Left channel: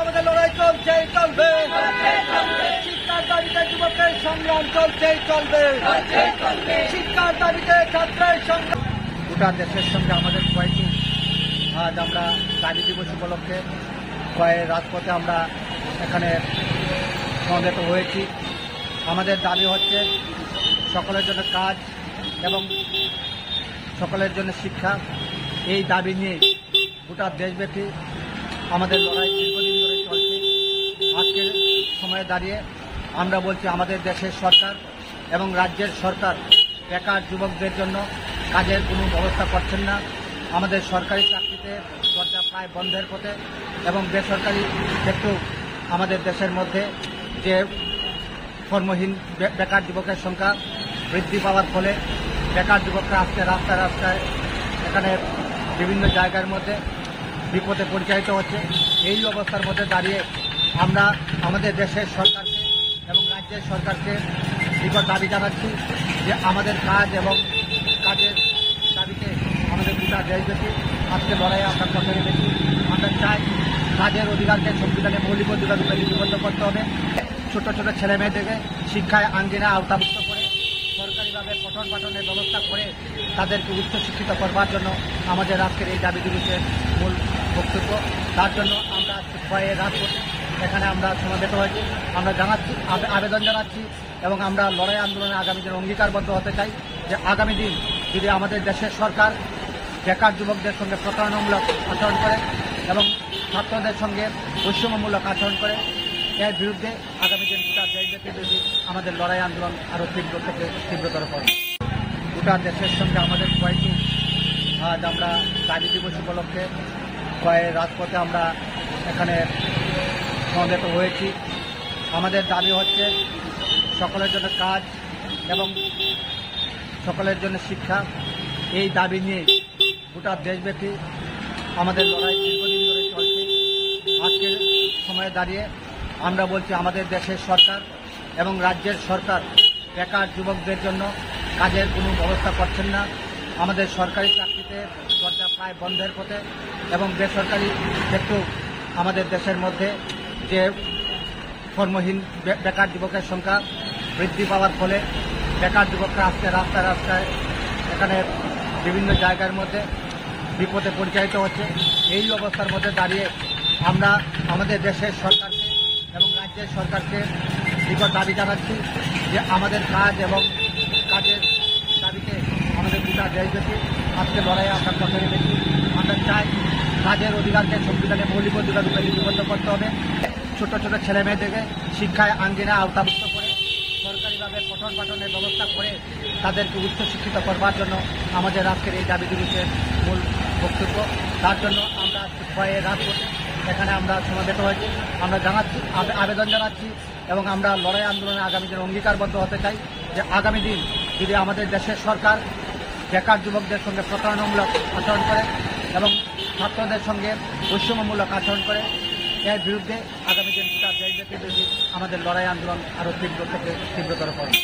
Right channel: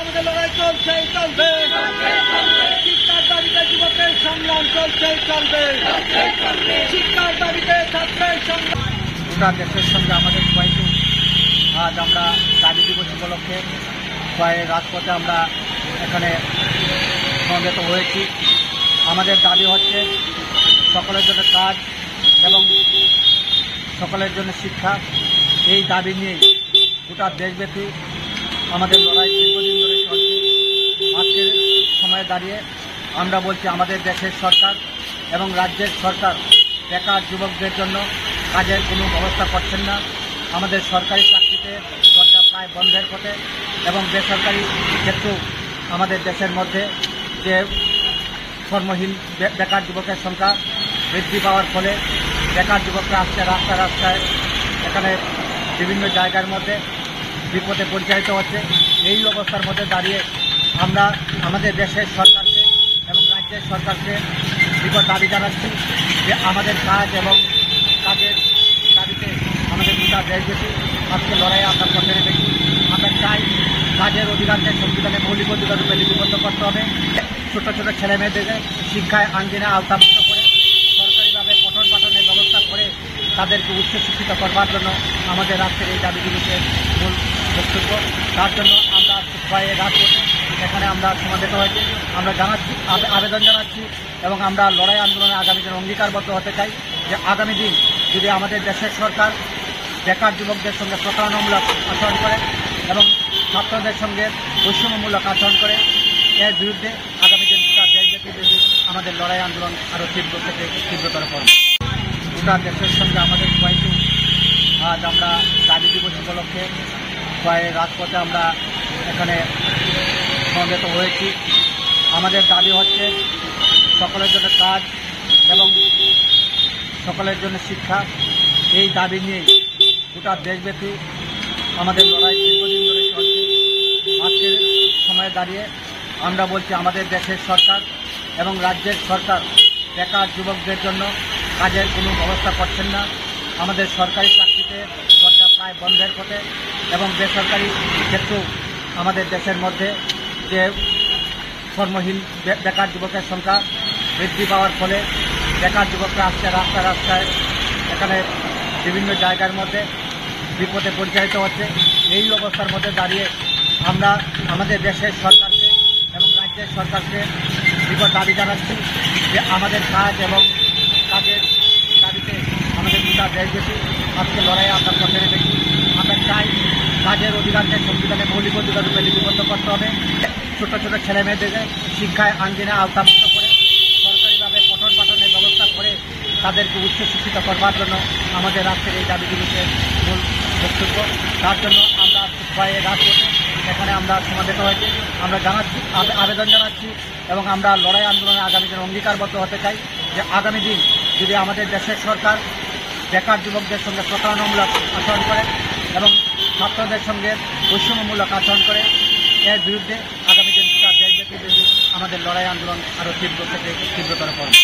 আমাদের লড়াই চলছে চলবে, শিক্ষার দাবিতে যুবকের সংগ্রাম চলছে চলবে, শিক্ষার দাবিতে ছাত্রের সংগ্রাম। গোটা দেশের সঙ্গে আমাদের কয়েকটি আজ আমরা দাবি দিবস উপলক্ষে কয়েক রাজপথে আমরা এখানে সমবেত হয়েছি। আমাদের দাবি হচ্ছে সকলের জন্য কাজ এবং সকলের জন্য শিক্ষা। এই দাবি নিয়ে গোটা দেশব্যাপী আমাদের লড়াই দীর্ঘদিন ধরে চলছে। আজকের সময়ে দাঁড়িয়ে আমরা বলছি আমাদের দেশের সরকার এবং রাজ্যের সরকার বেকার যুবকদের জন্য কাজের কোনো ব্যবস্থা করছেন না। আমাদের সরকারি চাকরিতে দরজা প্রায় বন্ধের পথে এবং বেসরকারি ক্ষেত্রেও আমাদের দেশের মধ্যে যে কর্মহীন বেকার যুবকের সংখ্যা বৃদ্ধি পাওয়ার ফলে বেকার যুবকরা আসছে রাস্তায় রাস্তায় এখানে বিভিন্ন জায়গার মধ্যে বিপদে পরিচালিত হচ্ছে। এই অবস্থার মধ্যে দাঁড়িয়ে আমরা আমাদের দেশের সরকারকে এবং রাজ্যের সরকারকে বিগত দাবি জানাচ্ছি যে আমাদের কাজ এবং কাজের দাবিতে আমাদের গোটা দেশব্যাপী আজকে লড়াই আমরা পথে নেমেছি। আমরা চাই কাজের অধিকারকে সংবিধানে মৌলিক অধিকার রূপে লিপিবদ্ধ করতে হবে। ছোট ছোট ছেলে মেয়েদেরকে শিক্ষায় আঙ্গিনায় আওতাভুক্ত করে সরকারিভাবে পঠন পাঠনের ব্যবস্থা করে তাদেরকে উচ্চ শিক্ষিত করবার জন্য আমাদের আজকের এই দাবি দিবসের মূল বক্তব্য। তার জন্য আমরা কয়েক রাজপথে এখানে আমরা সমাবেত হয়েছি। আমরা জানাচ্ছি, আবেদন জানাচ্ছি এবং আমরা লড়াই আন্দোলনে আগামী দিনে অঙ্গীকারবদ্ধ হতে চাই যে আগামী দিন যদি আমাদের দেশের সরকার বেকার যুবকদের সঙ্গে প্রতারণামূলক আচরণ করে এবং ছাত্রদের সঙ্গে বৈষম্যমূলক আচরণ করে এর বিরুদ্ধে আগামী দিন গোটা দেশব্যাপী আমাদের লড়াই আন্দোলন আরও তীব্র থেকে তীব্রতর করবে। গোটা দেশের সঙ্গে আমাদের কয়েকটি আজ আমরা দাবি দিবস উপলক্ষে কয়েক রাজপথে আমরা এখানে সমবেত হয়েছি। আমাদের দাবি হচ্ছে সকলের জন্য কাজ এবং সকলের জন্য শিক্ষা। এই দাবি নিয়ে গোটা দেশব্যাপী আমাদের লড়াই দীর্ঘদিন ধরে চলছে। আজকের সময়ে দাঁড়িয়ে আমরা বলছি আমাদের দেশের সরকার এবং রাজ্যের সরকার বেকার যুবকদের জন্য কাজের কোনো ব্যবস্থা করছেন না। আমাদের সরকারি চাকরিতে দরজা প্রায় বন্ধের পথে এবং বেসরকারি ক্ষেত্রেও আমাদের দেশের মধ্যে যে কর্মহীন বেকার যুবকের সংখ্যা বৃদ্ধি পাওয়ার ফলে বেকার যুবকরা আসছে রাস্তায় রাস্তায় এখানে বিভিন্ন জায়গার মধ্যে বিপদে পরিচালিত হচ্ছে। এই অবস্থার মধ্যে দাঁড়িয়ে আমরা আমাদের দেশের সরকারকে এবং রাজ্যের সরকারকে বিগত দাবি জানাচ্ছি যে আমাদের কাজ এবং কাজের দাবিতে আমাদের গোটা দেশব্যাপী আজকে লড়াই আমরা পথে নেমেছি। আমরা চাই কাজের অধিকারকে সংবিধানে মৌলিক অধিকার রূপে লিপিবদ্ধ করতে হবে। ছোট ছোট ছেলে মেয়েদেরকে শিক্ষায় আঙ্গিনায় আওতাভুক্ত করে সরকারিভাবে পঠন পাঠনের ব্যবস্থা করে তাদেরকে উচ্চ শিক্ষিত করবার জন্য আমাদের আজকের এই দাবি দিবসের মূল বক্তব্য। তার জন্য আমরা কয়েক রাজপথে এখানে আমরা সমাবেত হয়েছি। আমরা জানাচ্ছি, আবেদন জানাচ্ছি এবং আমরা লড়াই আন্দোলনে আগামী দিনে অঙ্গীকারবদ্ধ হতে চাই যে আগামী দিন যদি আমাদের দেশের সরকার বেকার যুবকদের সঙ্গে প্রতারণামূলক আচরণ করে এবং ছাত্রদের সঙ্গে বৈষম্যমূলক আচরণ করে এর বিরুদ্ধে আগামী দিন দেশব্যাপী আমাদের লড়াই আন্দোলন আরও তীব্র থেকে তীব্রতর করবে।